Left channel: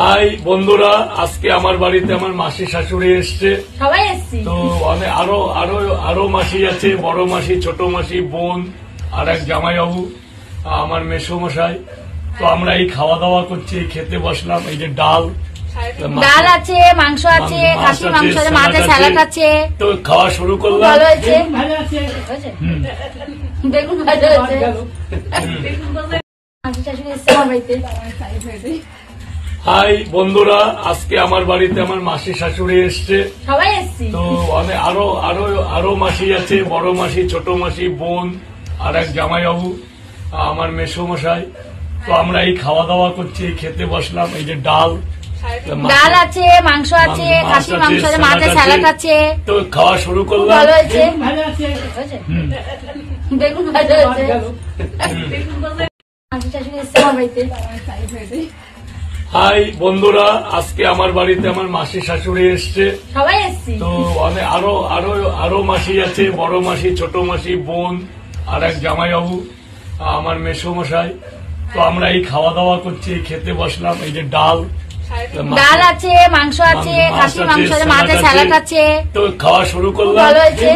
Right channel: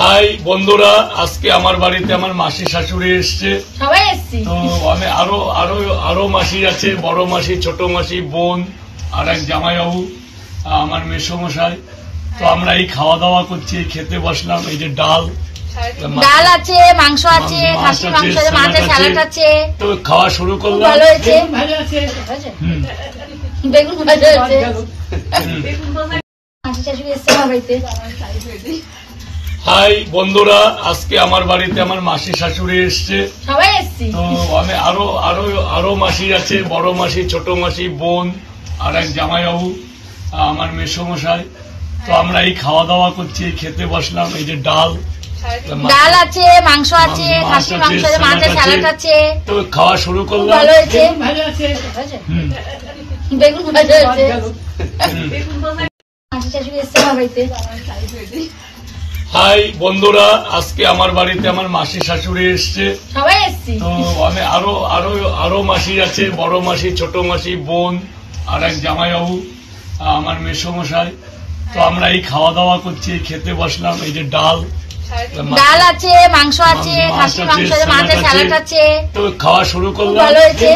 High বন্ধুরা, আজকে আমার বাড়িতে আমার মাসি শাশুড়ি এসছে। সবাই এসছি তো আরো আরো আরো মাসি আছে, বড় মাসি, ছোট মাসি, বোন আর এক জামাইবাবু, আমার মেসোমশাই। তো আমরা এই খাওয়া দাওয়া করছি, খেতে বসলাম। এই যে ডাল আছে, মাংস আছে, খাসি মাংস আছে, মাছ আছে, স্যালাড আছে। তো খাওয়া শুরু করলাম। ভালো হয়েছে, বেগুন ভাজা আছে। হাই বন্ধুরা, আজকে আমার বাড়িতে আমার মাসি শাশুড়ি এসছে। সবাই এসছি তো আরো আরো আরো মাসি আছে, বড় মাসি, ছোট মাসি, বোন আর এক জামাইবাবু, আমার মেসোমশাই। তো আমরা এই খাওয়া দাওয়া করছি, খেতে বসলাম। এই যে ডাল আছে, মাংস আছে, খাসি মাংস আছে, মাছ আছে, স্যালাড আছে। তো খাওয়া শুরু করলাম। ভালো হয়েছে, বেগুন ভাজা আছে। হাই বন্ধুরা, আজকে আমার বাড়িতে আমার মাসি শাশুড়ি এসছে। সবাই এসছি তো আরো আরো আরো মাসি আছে, বড় মাসি, ছোট মাসি, বোন আর এক জামাইবাবু, আমার মেসোমশাই। তো আমরা এই খাওয়া দাওয়া করছি, খেতে বসলাম। এই যে ডাল আছে, মাংস আছে, খাসি মাংস আছে, মাছ আছে, স্যালাড আছে। তো খাওয়া শুরু করলাম। ভালো হয়েছে,